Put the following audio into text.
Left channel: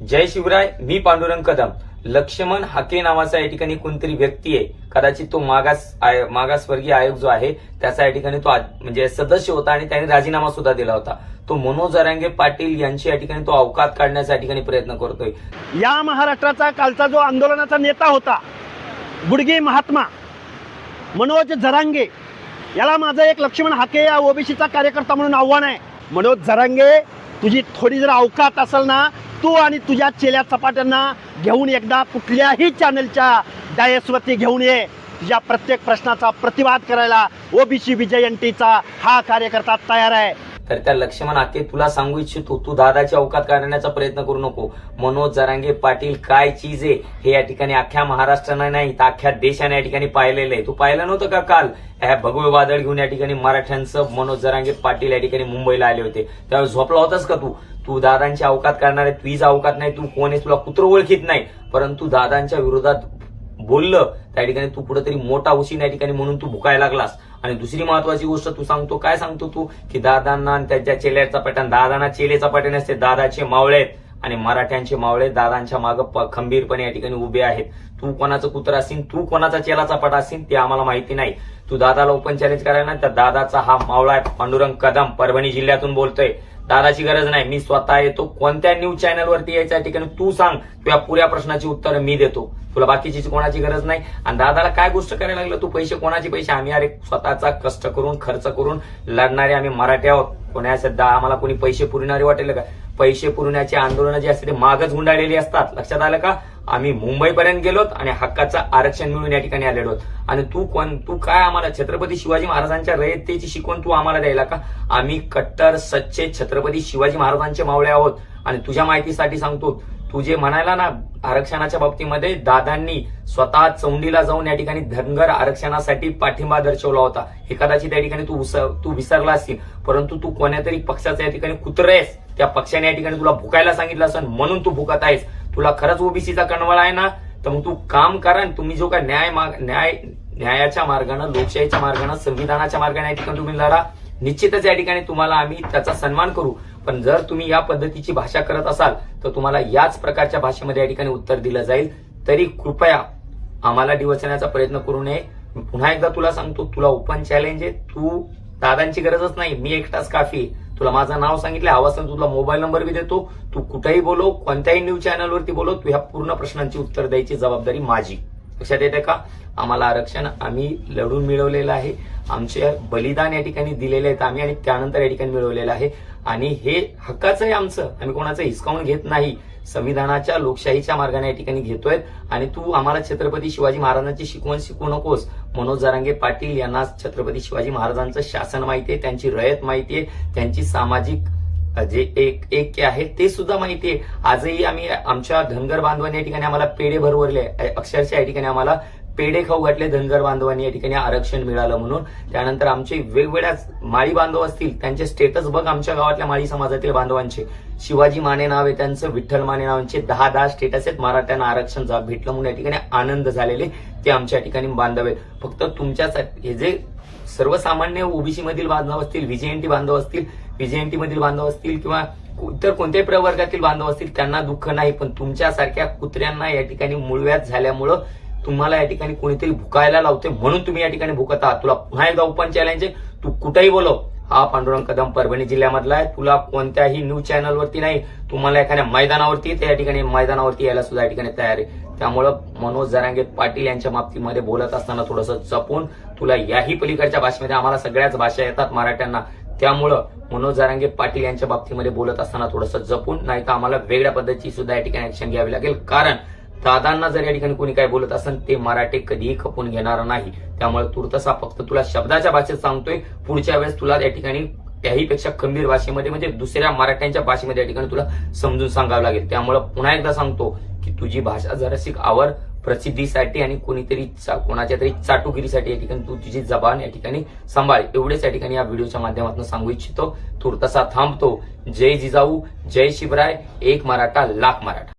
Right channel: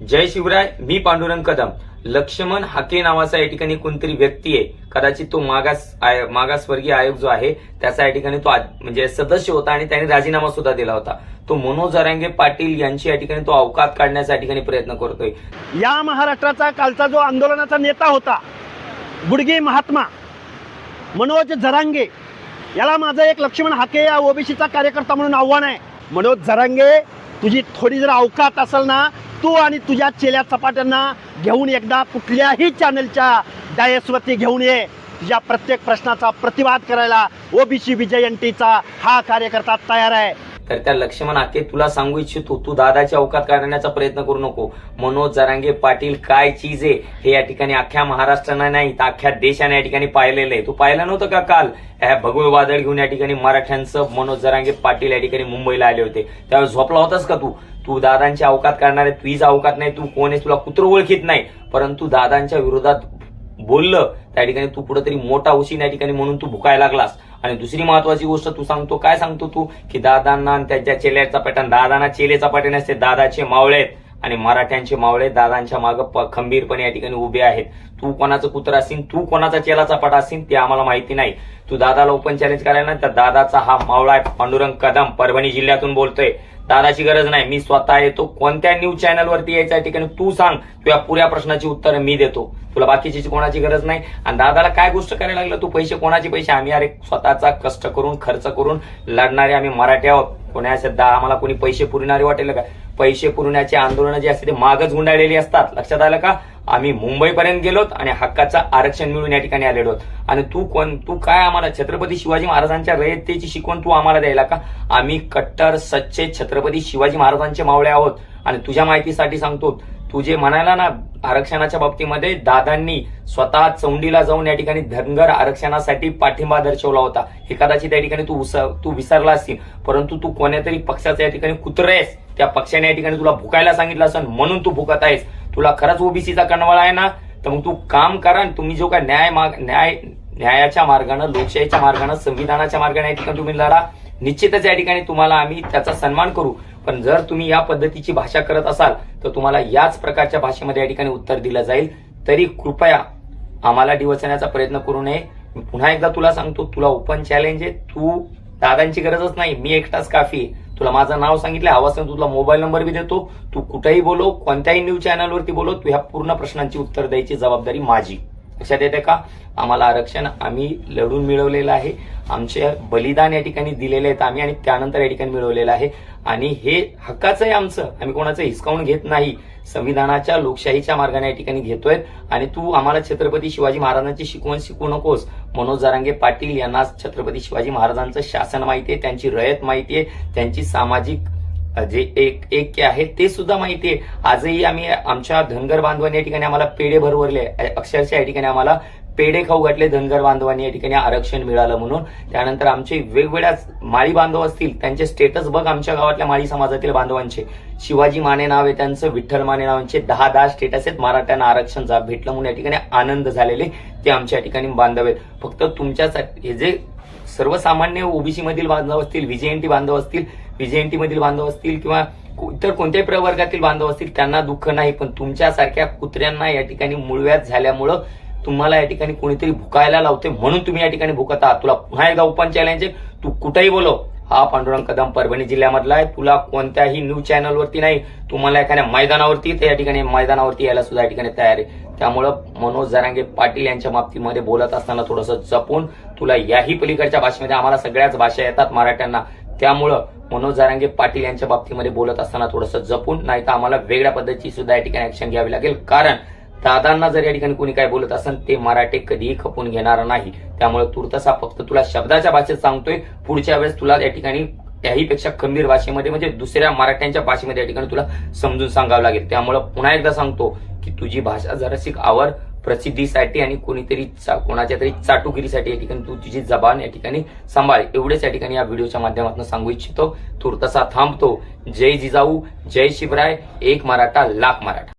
जय शिवराय मी पांडुरंग कदम. लक्ष्मण हाके नावाचा या ठिकाणी कोणतरी व्यक्ती आहे. कदाचित तो मागास मागासवर्गीय आयोग जो आहे त्याचा या ठिकाणी तो म्हणजे सदस्य होता आणि त्याने राजीनामा सुद्धा दिला होता. तो मनोज जरांगे पाटील यांची या ठिकाणी तो अवकात काढण्याचा या ठिकाणी प्रयत्न करतोय. या महाराष्ट्राचा कालचा जो आंदोलनाचा नेता होता गुडगे महात्मा मनोज जरांगे याला माझं एक लक्ष्मण हाके या ओबीसीचा कार्यकर्ता म्हणून आव्हान आहे. मनोज जरांगे तुझी थोडी जर अवकात असेल ना तू आणि तुझ्या चेल्या चपाट्यांना घेऊन एकदा कुठल्याही चॅनलच्या डायसवरती घेऊन ये. तुझ्या प्रत्येक प्रश्नाचा प्रतिवाद करायला ओबीसी विजयंतीचा हा कार्यकर्ता तयार आहे. तर त्या लक्ष्मण आके तुला सांगू इच्छितो तू दादाची अवकात काढण्याचा प्रयत्न करू नको. मनोज जरांगे पाटील काय चीज आहे हे या ठिकाणी अख्ख्या महाराष्ट्रानं नाही तर अख्ख्या देशाने या ठिकाणी पाहिलेलं आहे. तू पाहिलं नव्हतं का काल? ह्या भगवे वादळ घेऊन या ठिकाणी मराठ्यांचं मनोज जरांगे पाटील या ठिकाणी मुंबईला आले होते. त्यावेळेस झोपला होतास का तू? तू दादांची अवकात करणार आहे तुझा अवकात नाही तू कोण आहेस तुला कुत्र ओळखीत नाही. परंतु दादांच्या विरोधात बोललं त्या ठिकाणी तू कुठेतरी मोठा उशीन या ठिकाणी म्हणून तू भुकायला लागलास. आणि दुसरी महत्वाची गोष्ट तू सांगतो काय सांगतो तू? की दादांना आणि त्याच्या चेल्याचा पॅटर्न दादांना चेलेचा पॅटर्न असते दादाचे मावळे आहेत. आणि मराठ्यांचे मावळे दादांच्या मागे खंबीरपणे या ठिकाणी उभे आहेत. तू कोणाचं कुत्र असेल तू कोणाचा चेलाचा पट असेल ते आम्हाला माहिती नाही. तू दादाला ओपन चॅलेंज करायला तर दादाचा हा मावळा आहे पांडुरंग कदम परभणी जिल्ह्यातून बोलतोय. दादाची गरज नाही. मी स्वतः येतो. कोणत्या न्यूज चॅनलवरती यायच्या ठिकाणी तू सांग. तुझ्या पुऱ्या प्रश्नाची उत्तर मी देतो. तुला बाकीची कोणाची गरज नाही. आणि दादाला काय गोष्ट करायला लागलं? तू पैसे कोणाचे पैसे? आम्ही अरे स्वतःचा कष्ट करून खर्च करून लढणारे आम्ही मराठी आहोत. कोणाचे दा आम्हाला कोणी पैसे पुरणारे वाटेल का? पैसे पुरण्याचे आंदोलन जे असते ते मागच गुंडाळलेली असतात. लक्षात आलं का? आम्ही मुंबईपर्यंत गेलोत आणि हक्काचं आरक्षण मिळून या ठिकाणी आलेलो आहोत. आणि तू कोण? तू काय आम्हाला? छत्रपती शिवाजी महाराजांच्या रयतेची शिकवण तू आम्हाला द्यायला का? आम्ही कट्टर सच्चे छत्रपती शिवाजी महाराजांचे मावळे आहोत. आणि तुझ्या माहितीसाठी सांगतो तुझे म्हणायला ना आरक्षणाच्या बाबतीमध्ये दादांनी स्वतः चौंडीला जाऊन या ठिकाणी धनगर आरक्षणासाठी पाठिंबा दर्शवला होता. हे कदाचित या ठिकाणी तू तू विसरला असतील परंतु तू कोण्यातरी पक्षाचा या ठिकाणी कुत्र आहेस. त्या पक्षाने या ठिकाणी तुला भुकायला सांगितलं असेल म्हणून तू भुकत आहेस. तुला खरंच ओबीसीचा कणवळ आहे ना? तर मग तू काम करा तुम्ही जो काय न्याय न्याय न्यायाच्या मार्गानं लोकशाहीच्या मार्गानं संविधानाच्या मार्गाने या ठिकाणी तुम्ही लढा. निश्चितच या ठिकाणी तुम्हाला आम्ही त्याचा सन्मान करू. पण जर तुम्ही या पद्धतीची भाषा करत असाल तर तुम्हाला याच प्रकारच्या भाषेमध्ये या ठिकाणी उत्तर दिलं जाईल. तरी कृपया आम्हाला डिवचण्याचा प्रयत्न करू नये. मी पुन्हा एकदा तुला सांगतो तुला ओपन चॅलेंज आहे. तू दादांची गरजच नाही. मी एकटाच काफी आहे. तुला माझं नाव सांगितलं आवाज तुला मोबाईल नंबर बी देतो. तू कुठेही बोलो कोणत्याही न्यूज चॅनलवरती बोलो तू ह्या पूर्ण प्रश्नांची उत्तर द्यायची जबाबदारी माझी. लक्षात येते का? आम्हाला आरक्षण आम्ही लढून मिळवलेलं आहे. आमचे बलिदान या ठिकाणी दिलेले आहेत आम्ही आणि त्यानंतर या ठिकाणी मिळवलेलं आहे. आणि हे हक्काचं आहे आमचं. आम्ही कोणाचं हिसकावून घेत नाही. संविधानाच्या लोकशाहीच्या मार्गाने या ठिकाणी घेतोय. आणि तू आम्हाला छत्रपती शिवाजी महाराजांची शिकवण शिकू नकोस. मनोज जारांगे पाटील यांना छत्रपती शिवाजी महाराजांचं शासन माहिती आहे त्यांची रयत माहिती आहे त्यांची सामाजिक जे एक एक आहे ते सुद्धा माहिती आहे. आजही आम्ही आमच्या धनगर बांधवांनी या ठिकाणी आम्हाला पेढे भरवले. अक्षरशः या ठिकाणी आम्हाला पेढे खाऊ घातले धनगर बांधवांनी या ठिकाणी आरक्षण मिळालं म्हणून. त्यानंतर आमचे वेगवेगळ्या माळी बांधव असतील त्यांचे स्टेटस बघ आमच्या गावातल्या माळी समाजातील बांधवांचे. शिवाजी माने नाव आहे त्यांचं विठ्ठल माने नावांचे दहा दहा स्टेटस आहेत मराठ्यांना आरक्षण भेटलं म्हणून या ठिकाणी आनंद झालेले ते आमच्या या ठिकाणी बांधव आहेत. फक्त तुमच्यासाठी हे जे सर्वसामान्य ओबीसी मधील बांधव असतील व्हीजेएनटी बांधव असतील बीजेएनटी मधील बांधव असतील किंवा इतर कोणत्याही प्रवर्गातील बांधव असतील त्यांना दुःख नाही पण तुमच्यासारख्या कुत्र्यांना या ठिकाणी मुळव्यात झाल्यामुळं तुम्हाला या ठिकाणी कोणीतरी भुकायला लावते म्हणून तुम्ही या ठिकाणी भुकत आहात. तुला पुन्हा एकदा ओपन चॅलेंज तू कुठेही बोलो हा पांडुरंग कदम परभणी जिल्ह्यामधला आहे. तुला कोणत्याही न्यूज चॅनलवरती नाही तुम्हाला एखाद्या मैदानावरती तर या ठिकाणी मैदानावरती यायला सुद्धा या ठिकाणी तयार आहे. त्यामुळं मनोज जरांगे पाटील यांच्या बाबतीमध्ये बोलत असताना थोडंसं जपून तुला याही पलीकडच्या भाषेमध्ये आम्हाला सगळ्याच भाषा येतात मराठ्यांना. त्यामुळं मनोज जारांगे पाटील यांच्या बाबतीमध्ये बोलत असताना थोडंसं जपून नाही तर आम्हाला वेगळ्या पद्धतीची सुद्धा या ठिकाणी ऍक्शन घ्यावी लागेल. कारण दादांना जर या ठिकाणी कोणी काय बोलत असेल ते मराठी कधीही खपून घेणार नाही. त्यामुळे तुर्तसा फक्त तुला शब्दाच्या भाषेत सांगतोय. पुढच्या वेळेस तुला या ठिकाणी त्याहीपेक्षा खंबीर भाषेमध्ये म्हणजे दुसऱ्या मराठ्यांच्या भाषेमध्ये या ठिकाणी तुला समजून सांगावं लागेल. त्यामुळं पुन्हा एकदा सांगतो की तुझी भाषा जराशी आवर प्रसिद्धीसाठी आणि कोणीतरी कोणाच्या तरी चाटुगिरीसाठी या ठिकाणी तू तुझी जबान या ठिकाणी सांभाळ. एवढेच या ठिकाणी या व्हिडिओच्या माध्यमातून सांगू इच्छितो. तुर्तसा थांबतो. जय जिजाऊ जय शिवराय एक मराठा लाख मराठा.